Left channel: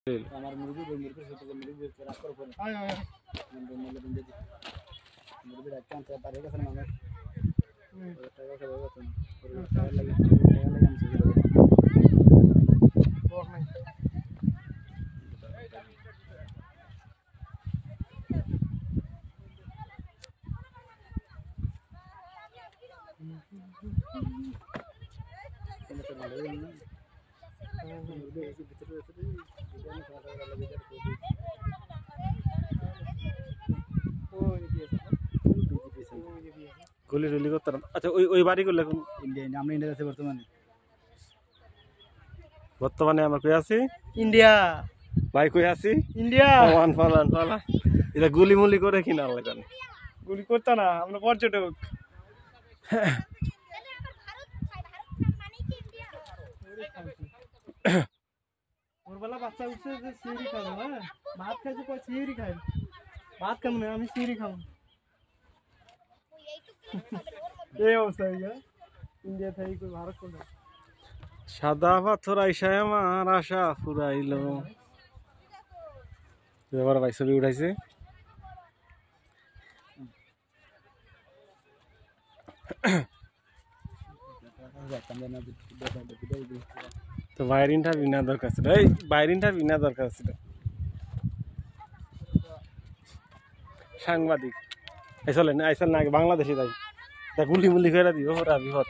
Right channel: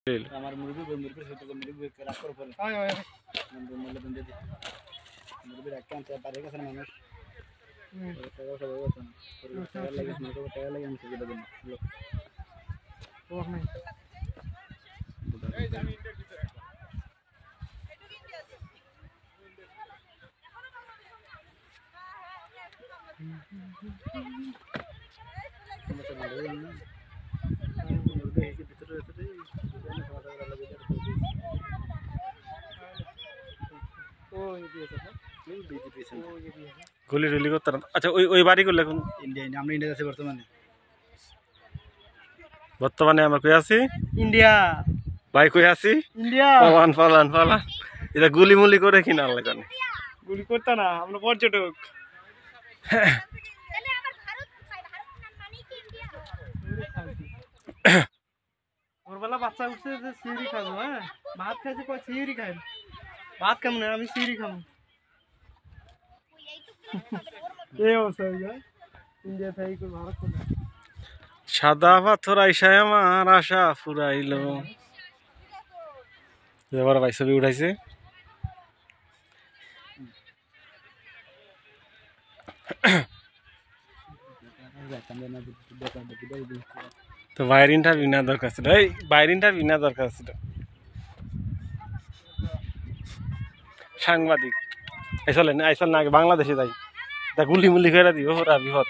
আমার মুরগি মুরগি ছোট মুরগি রাখ করে পরে হয় হয় বন্ধু মূল্য দিন দিদি মুরগি রাখতে আনতে পারে গেছে মানুষ টাকা সব হতো টাকা লাগে আমি সুবিধা দেব ওহ নাই তুমি তো ভালো জানো না মুরগি এসে ভিতরে ভিতরে জানি খাওয়া দাওয়া লাগে গুলি টুলি করতে আচ্ছা ওই বাড়ি করলে এখন ইন্ডিয়া আমরা ইন্ডিয়া আছে বর্তমানে আমরা কই আছি ইন্ডিয়া ভাই কই আছি ইন্ডিয়া পালান এটা গুলি মুলি করে কিনা লাগে গুলি করতে না আমরা পর্যটক ভোরবেলা বাচ্চা উঠছে যে সিঁড়ি খাবো হ্যাঁ ভাত খাইছে কয় সিঁড়ি খাই ভাত খাবো না আমি সিঁড়ি খাবো এই অবস্থা ইন্ডিয়া থেকে ভারত কোন সাদা পাথর আইসায় আমার আশা ফুরাইল এবার ভাই ছবি উঠাইছে তো বাইরের ইন্টারভিউ না দরকার ছিল এই বাইরের ইন্টারভিউ না দরকার ছিল সাংবাদিক আইসলেন না আগে বাংলাদেশে যাই তা গুলি মুলি করে দিব ওরা বিপদ